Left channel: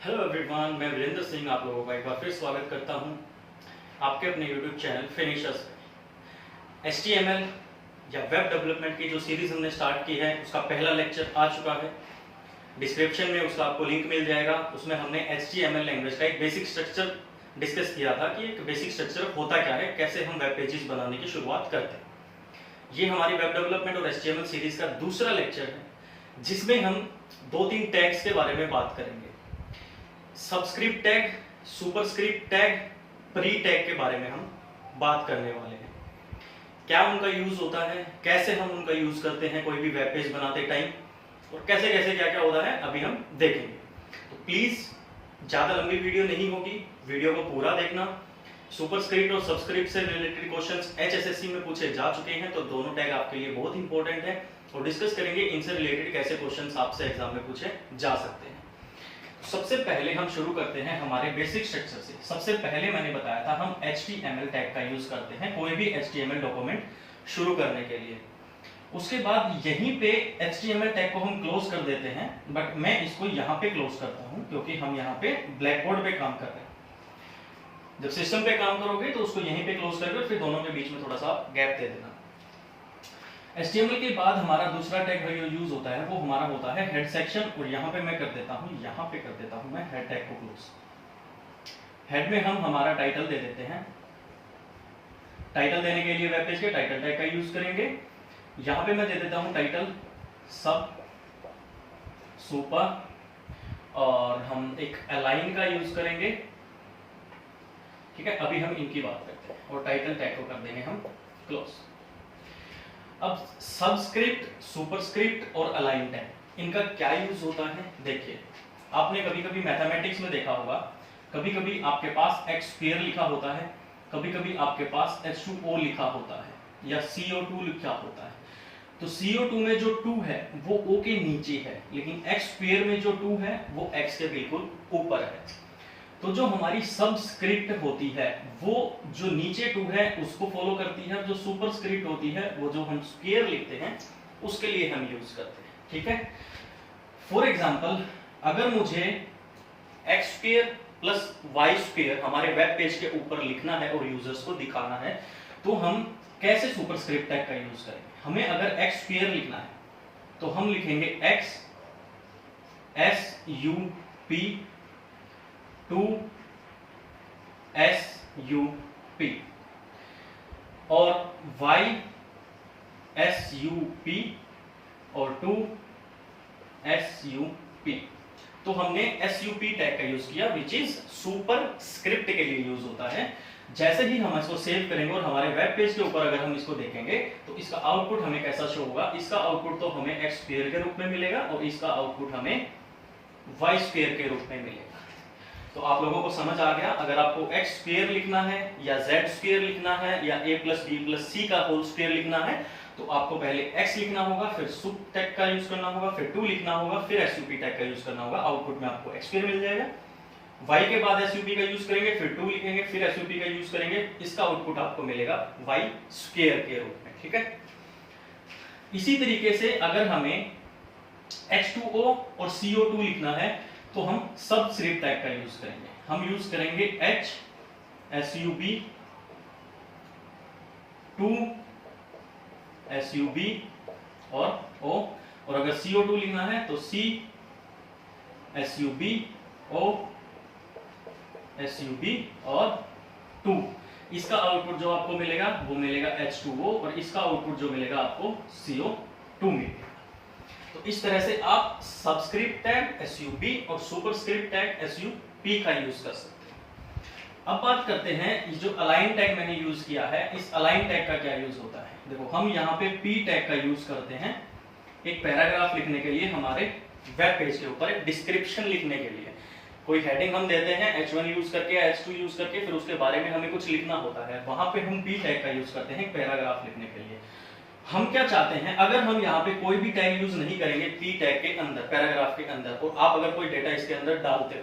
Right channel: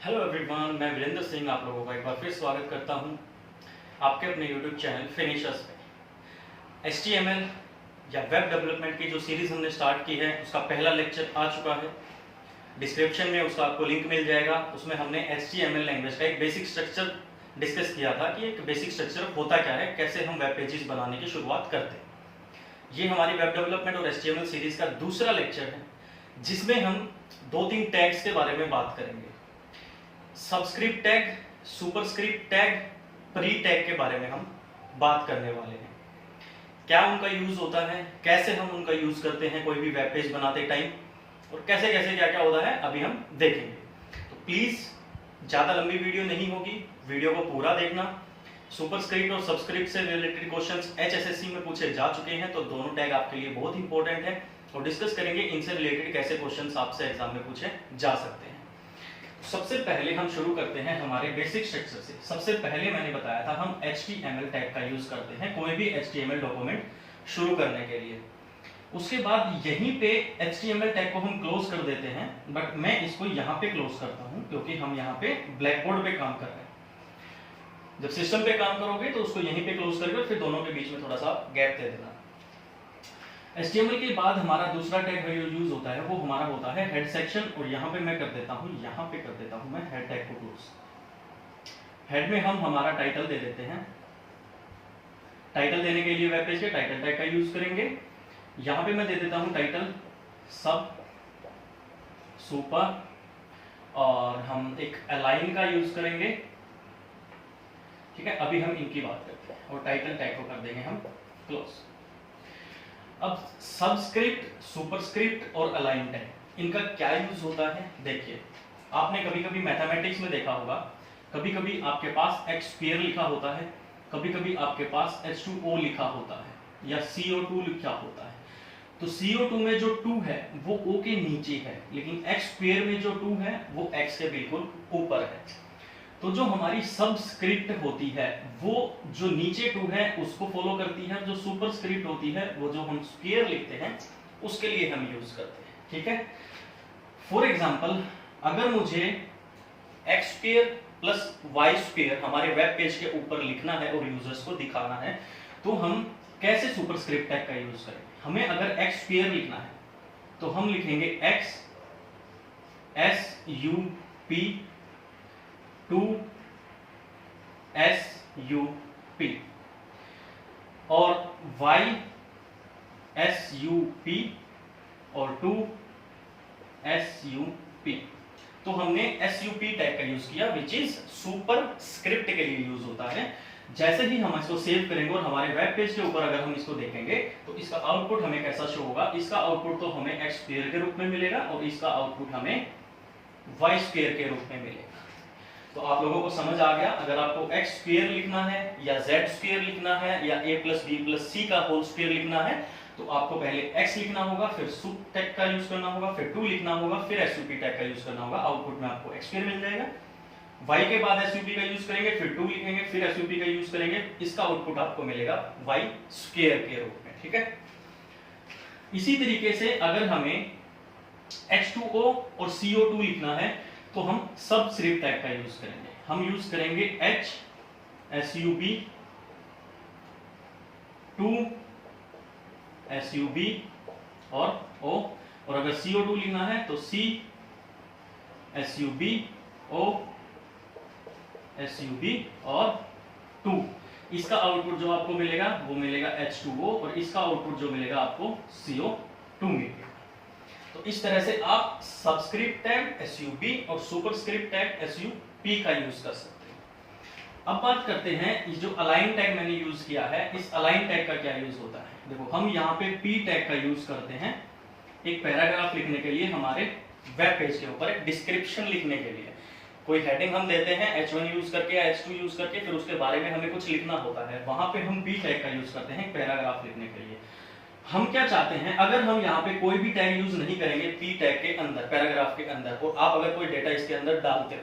Hello everyone, मैं वीरेंद्र सिंह आप लोगों का एक बार फिर स्वागत करता हूं आपके अपने यूट्यूब चैनल फिनिशर्स पे। HTML या वेब डेवलपमेंट की जो सीरीज हमने स्टार्ट की है उसका पहला लेक्चर आ चुका है। डिस्क्रिप्शन में उसका आपको लिंक मिल जाएगा। उसमें हमने HTML लैंग्वेज का एक बेसिक स्ट्रक्चर डिस्कस किया था कि एक बेसिक स्ट्रक्चर होता क्या है, कैसे हम वेब पेजेस बनाने की शुरुआत करते हैं। ये हमारी वेब डेवलपमेंट और HTML सीरीज का दूसरा लेक्चर है, जिसमें हम 2-3 टैग्स के बारे में बात करेंगे। Subscript tag, superscript tag, pre tag के बारे में हम बात करने वाले हैं। क्या उनका यूज होता है, कैसे हम उनका यूज करते हैं कोई भी वेब पेज बनाते टाइम, और कैसे कैसे क्या क्या होता है अभी हम देखेंगे। तो प्लीज ज्यादा लंबी वीडियो नहीं होगी, वीडियो को पूरा देखना। सुपरस्क्रिप्ट और सबस्क्रिप्ट से रिलेटेड क्वेश्चंस HSSC में पूछे जा चुके हैं, तो दोनों टैग आपके लिए बहुत इंपॉर्टेंट है और डिस्कस करेंगे इनसे रिलेटेड कैसे क्वेश्चंस आपसे एग्जाम में पूछे जा सकते हैं। सबसे पहले हम शुरू करते हैं हमारे बेसिक स्ट्रक्चर से। सबसे पहले मैंने बताया था हम HTML टैग का यूज करते हैं कोई भी HTML डॉक्यूमेंट शुरू करने के लिए। उसके बाद यहीं पे HTML टैग को हम क्लोज कर देते हैं, बट मैं इसको यहाँ पे क्लोज करता हूँ क्योंकि हम यहाँ पे ब्लैक बोर्ड पे काम कर रहे हैं। जब सिस्टम पे काम करोगे तो उसको यहीं पे क्लोज करके फिर दोनों के बीच में थोड़ा सा गैप दे देना। HTML के बाद हमारा दूसरा टैग जो यूज होता है वो हमारा होता है हेड सेक्शन, और यहाँ पे मैं कर देता हूँ, यहाँ पे कर देता हूँ मैं हेड टैग को क्लोज। हेड में हम हमारा टाइटल दे देते हैं। टाइटल देने के लिए वेब पेज के टाइटल टैग का यूज करेंगे। यहाँ पे मैं दे देता हूँ टाइटल, सब, सुपर, और हम एक अलाइन का यूज करेंगे। ठीक है, अभी हम इनकी बात करते हैं और टाइटल टैग को कर देंगे हम क्लोज। अब सबस्क्रिप्ट, सुपरस्क्रिप्ट और अलाइन टैग, इनका क्या यूज होता है देखिए। आपने कभी कभी मैथमेटिक्स में देखा होगा, कभी कभी आपके पास x² लिखा होता है, कभी कभी आपके पास H2O लिखा होता है या CO2 लिखा होता है। तो CO2 में जो 2 है वो O के नीचे है, लेकिन x² में जो 2 है वो x के बिल्कुल ऊपर है। तो जो हमारी सबस्क्रिप्ट होती है वो जो नीचे 2 है उसको फॉलो करती है, जो सुपरस्क्रिप्ट होती है वो जो हम स्क्वायर लिखते हैं उसके लिए हम यूज करते हैं। ठीक है, फॉर एग्जांपल अगर मुझे x² प्लस y² हमारे वेब पेज के ऊपर लिखना है और यूजर्स को दिखाना है, तो हम कैसे सुपरस्क्रिप्ट टैग का यूज करेंगे। हमें अगर x² लिखना है तो हम लिखेंगे x SUP 2 SUP, और y SUP और 2 SUP। तो हमने SUP टैग का यूज किया, विच इज सुपर स्क्रिप्ट के लिए यूज होता है। जैसे ही हम इसको सेव करेंगे और हमारे वेब पेज के ऊपर अगर हम इसको देखेंगे तो इसका आउटपुट हमें कैसा शो होगा। इसका आउटपुट तो हमें x² के रूप में मिलेगा और इसका आउटपुट हमें y² के रूप में मिलेगा। तो आप लोगों को समझ आ गया, अगर आपको x² लिखना है या z² लिखना है या a+b+c का होल स्क्वायर लिखना है तो आपको पहले x लिखना होगा, फिर सुप टैग का यूज करना होगा, फिर 2 लिखना होगा, फिर SUP टैग का यूज करना होगा। आउटपुट में आपको x² मिल जाएगा। y के बाद SUP का यूज करेंगे, फिर 2 लिखेंगे, फिर SUP का यूज करेंगे, इसका आउटपुट आपको मिलेगा y² के रूप में। ठीक है, इसी तरीके से अगर हमें H2O और CO2 लिखना है तो हम सबस्क्रिप्ट टैग का यूज करेंगे। हम यूज करेंगे H SUB 2 SUB और O, और अगर CO2 लिखना है तो C SUB O SUB और 2। इसका आउटपुट जो आपको मिलेगा वो मिलेगा H2O और इसका आउटपुट जो मिलेगा आपको CO2 मिलेगा। तो इस तरह से आप सबस्क्रिप्ट टैग SUB और सुपरस्क्रिप्ट टैग SUP का यूज कर सकते हैं। अब बात करते हैं जो अलाइन टैग मैंने यूज किया है, इस अलाइन टैग का क्या यूज होता है। देखो, हम यहाँ पे P टैग का यूज करते हैं एक पैराग्राफ लिखने के लिए, हमारे वेब पेज के ऊपर एक डिस्क्रिप्शन लिखने के लिए। कोई हेडिंग हम देते हैं H1 यूज करके या H2 यूज करके, फिर उसके बारे में हमें कुछ लिखना होता है, वहां पे हम P टैग का यूज करते हैं पैराग्राफ लिखने के लिए। हम क्या चाहते हैं, अगर हम यहाँ पे कोई भी टैग यूज नहीं करेंगे P टैग के अंदर, पैराग्राफ के अंदर, और आप अगर कोई डेटा इसके अंदर डालते हो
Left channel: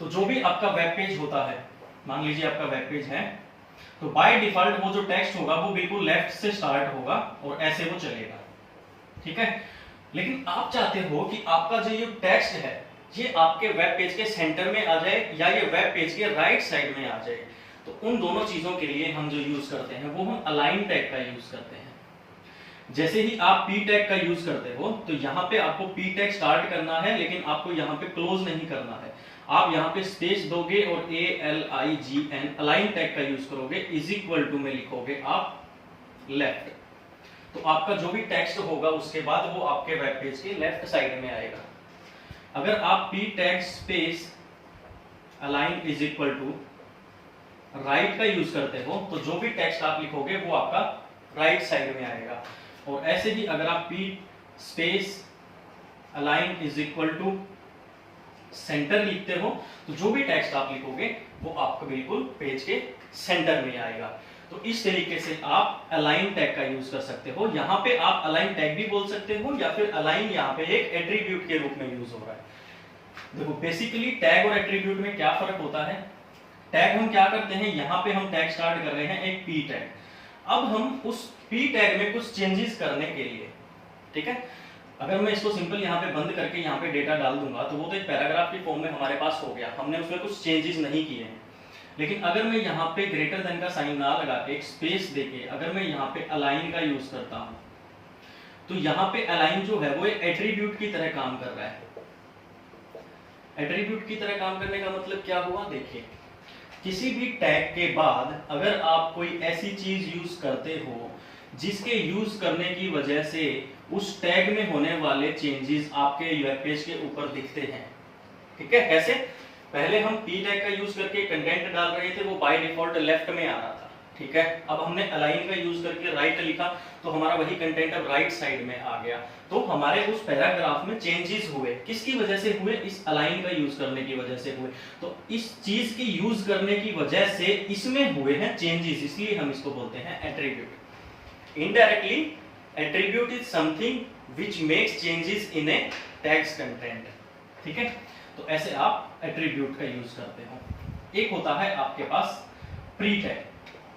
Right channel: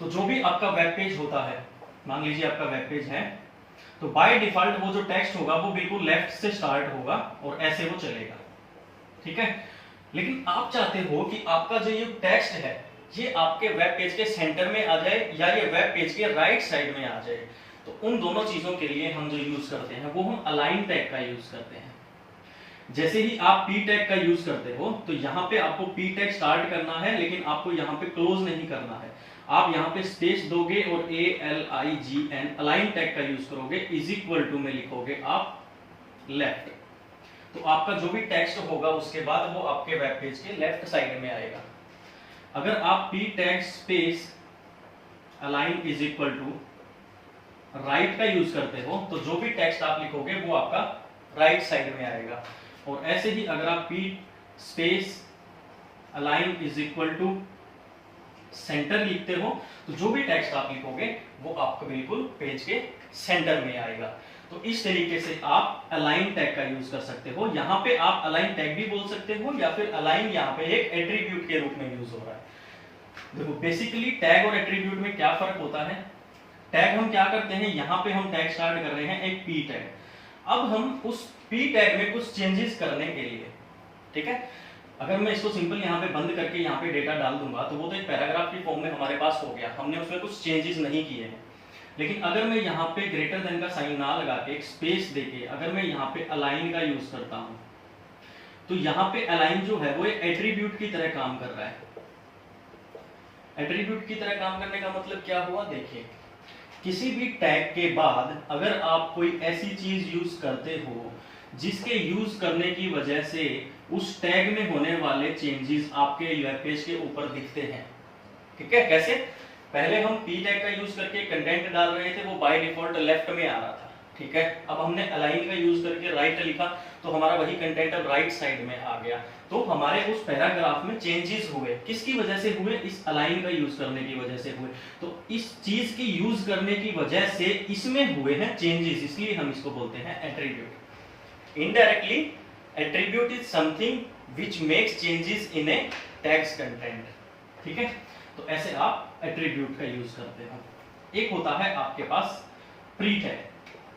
तो जो भी आपका वेब पेज होता है, मान लीजिए आपका वेब पेज है, तो बाय डिफॉल्ट वो जो टेक्स्ट होगा वो बिल्कुल लेफ्ट से स्टार्ट होगा और ऐसे वो चलेगा। ठीक है, लेकिन आप चाहते हो कि आपका जो ये टेक्स्ट है ये आपके वेब पेज के सेंटर में आ जाए या ये वेब पेज के राइट साइड में आ जाए। तो उन दोनों चीजों के लिए हम जो यूज करते हैं वो हम अलाइन टैग का यूज करते हैं। जैसे ही आप पी टैग का यूज करते हो तो यहाँ पे आपको पी टैग स्टार्ट करना है, लेकिन आपको यहाँ पे क्लोज नहीं करना है। आप यहाँ पे स्पेस दोगे और ALIGN अलाइन टैग का यूज करोगे, इज इक्वल टू में लिखोगे आप लेफ्ट। तो आपका जो भी टेक्स्ट होगा उसके बाद वो आपके वेब पेज के लेफ्ट साइड में आएगा। अगर आप P tag space align is equal to right का यूज करते हो तो जो भी टेक्स्ट आप लिखोगे वो आपका राइट साइड में आएगा। और ऐसे ही अगर आप P space align is equal to centre लिखते हो तो जो भी टेक्स्ट आप लिखोगे वो आपको बिल्कुल पेज के सेंटर में आएगा। तो इस तरीके से आप अलाइन टैग का यूज कर सकते हो। यहाँ पे आप अलाइन टैग भी बोल सकते हो या फिर अलाइन यहाँ पे एक एट्रीब्यूट के रूप में यूज हो रहा है। देखो बेसिकली टैग और एट्रीब्यूट में क्या फर्क होता है। टैग हम क्या करते हैं, यहाँ पे हम टैग स्टार्ट कर रहे हैं एक पी टैग। अब हम उस पी टैग में कुछ चेंजेस करने के लिए, ठीक है, अगर मैं इसको सिंपल यहाँ पे बंद करके यहाँ पे डेटा डाल दूंगा तो वो तो एक पैराग्राफ की फॉर्म में हमारे पास हो गया, हमने उसमें कुछ चेंजेस नहीं किए हैं। लेकिन अगर मैं यहाँ पे ग्रेटर देन का साइन ना लगा के एक स्पेस देके अगर मैं यहाँ पे अलाइन का यूज करता हूं तो यहाँ पे अलाइन जो है वो एक एट्रीब्यूट की तरह काम कर रहा है। एट्रीब्यूट की तरह काम करने का मतलब क्या हुआ, देखिए किसी भी टैग के बाद अगर आप कोई ऐसी चीज यूज करते हो जिसके यूज करने की वजह से उस टैग में होने वाले चेंजेस आपके वेब पेज के ऊपर दिखते हैं, ठीक है। कैसे, पहले हम पी टैग का यूज करके कंटेंट डाल रहे थे, वो बाय डिफॉल्ट लेफ्ट में आ रहा था, ठीक है। अब हमने अलाइन का यूज करके राइट लिखा तो हमारा वही कंटेंट अब राइट साइड में आ गया। तो हमारे उस पैराग्राफ में चेंजेस हुए, किसकी वजह से हुए, इस अलाइन का यूज करने की वजह से हुए। तो इस चीज की यूज करने की वजह से इसमें हुए हैं चेंजेस, इसलिए हम इसको बोलते हैं attribute. Indirectly attribute is something which makes changes in A tags content, ठीक है। तो ऐसे आप एट्रीब्यूट का यूज करते हो। एक होता है आपके पास pre tag,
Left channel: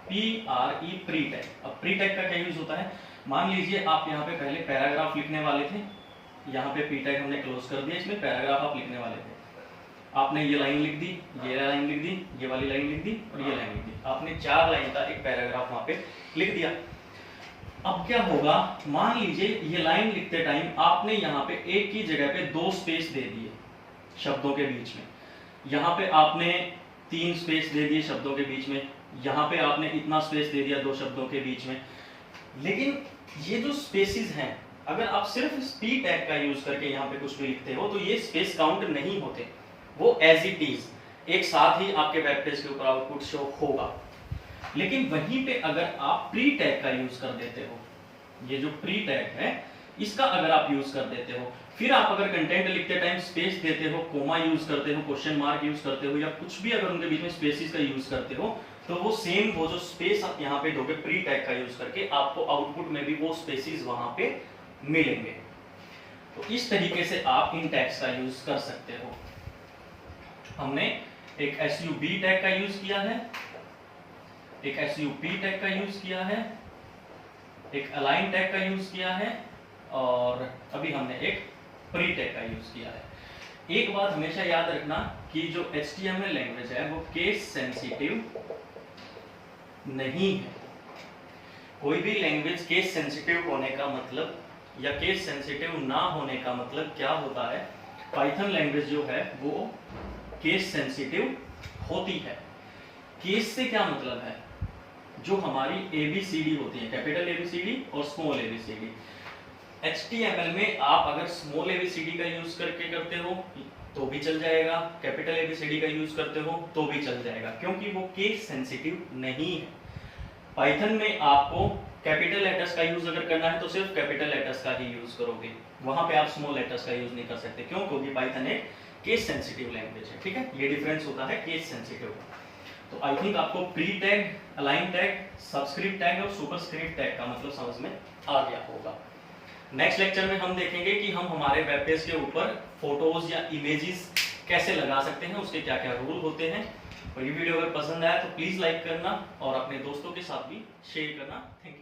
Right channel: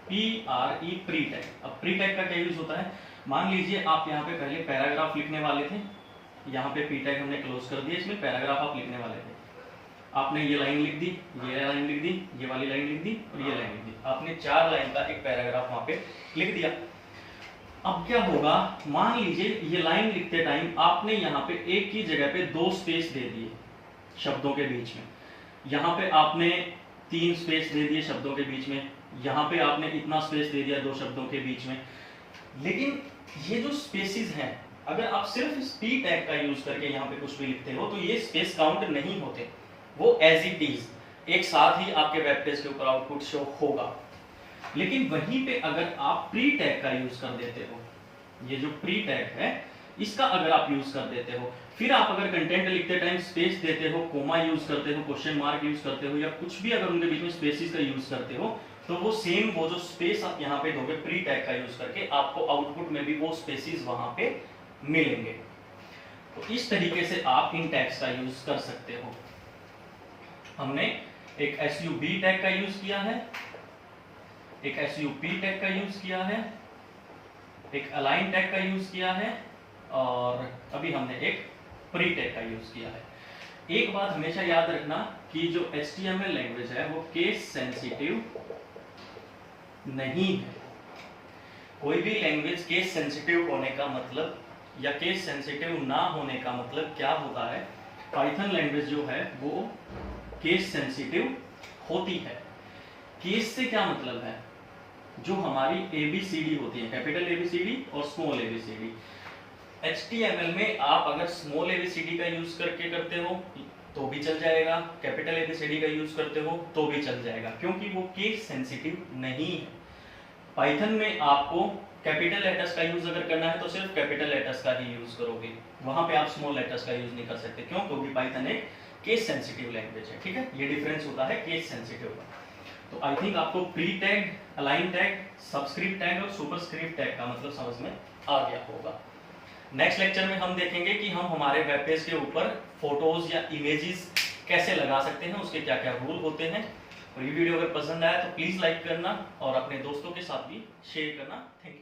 PRE pre tag. अब प्री टैग का क्या यूज होता है, मान लीजिए आप यहाँ पे पहले पैराग्राफ लिखने वाले थे, यहाँ पे प्री टैग हमने क्लोज कर दिया, इसमें पैराग्राफ आप लिखने वाले थे। आपने ये लाइन लिख दी, ये लाइन लिख दी, ये वाली लाइन लिख दी और ये लाइन लिख दी, आपने 4 लाइन का एक पैराग्राफ वहां पे लिख दिया। अब क्या होगा, मान लीजिए ये लाइन लिखते टाइम आपने यहाँ पे एक की जगह पे 2 स्पेस दे दिए शब्दों के बीच में, यहाँ पे आपने 3 स्पेस दे दिए शब्दों के बीच में, यहाँ पे आपने इतना स्पेस दे दिया 2 शब्दों के बीच में। लेकिन ये जो स्पेसिस हैं, अगर आप सिर्फ पी टैग का यूज करके यहाँ पे कुछ भी लिखते हो तो ये स्पेस काउंट नहीं होते, वो एज इट इज एक साथ ही आपके वेब पेज के ऊपर आउटपुट शो होगा। लेकिन वहीं पे अगर आप प्री टैग का यूज कर देते हो, ये जो प्री टैग है इसका अगर आप यूज कर देते हो, फिर आप अगर कंटेंट लिखते टाइम स्पेस देते हो, कोमा यूज करते हो, क्वेश्चन मार्क यूज करते हो या कुछ भी अगर उनके बीच में स्पेसिस का यूज करते हो, तो वो सेम वो जो स्पेस आप यहाँ पे दोगे प्री टैग का यूज करके, आपको आउटपुट में भी वो स्पेसिस वहां पे मिलेंगे। तो इस तरीके से आप इन टैग्स का यूज कर सकते हो। हमने एक SUB टैग का यूज किया है, एक SUP टैग का यूज किया है, एक अलाइन टैग का यूज किया है और अभी हमने एक प्री टैग का यूज किया है। एक बात हमेशा याद रखना कि जो HTML लैंग्वेज है वो केस सेंसिटिव नहीं है। कोई भी लैंग्वेज केस सेंसिटिव होने का मतलब या केस सेंसिटिव ना होने का मतलब क्या होता है, पाइथन लैंग्वेज जो है वो केस सेंसिटिव होती है। केस से क्या मतलब है, जो हमारी ABCD होती है, कैपिटल ABCD और स्मॉल ABCD। HTML में आप अगर स्मॉल ABCD का यूज करके करते हो तो भी चल जाएगा, कैपिटल ABCD का यूज करते हो तो भी चल जाएगा, क्योंकि वो केस सेंसिटिव नहीं है। पाइथन में आपको कैपिटल लेटर्स का यूज अगर करना है तो सिर्फ कैपिटल लेटर्स का ही यूज करोगे, वहां पे आप स्मॉल लेटर्स का यूज नहीं कर सकते। क्यों, क्योंकि पाइथन एक केस सेंसिटिव लैंग्वेज है, ठीक है। ये डिफरेंस होता है केस सेंसिटिव का। तो आई थिंक आपको pre tag, align tag, subscript tag और सुपरस्क्रिप्ट टैग का मतलब समझ में आ गया होगा। नेक्स्ट लेक्चर में हम देखेंगे कि हम हमारे वेब पेज के ऊपर फोटोज या इमेजेस कैसे लगा सकते हैं, उसके क्या क्या रूल होते हैं। और ये वीडियो अगर पसंद आया तो प्लीज लाइक करना और अपने दोस्तों के साथ भी शेयर करना। Thank you.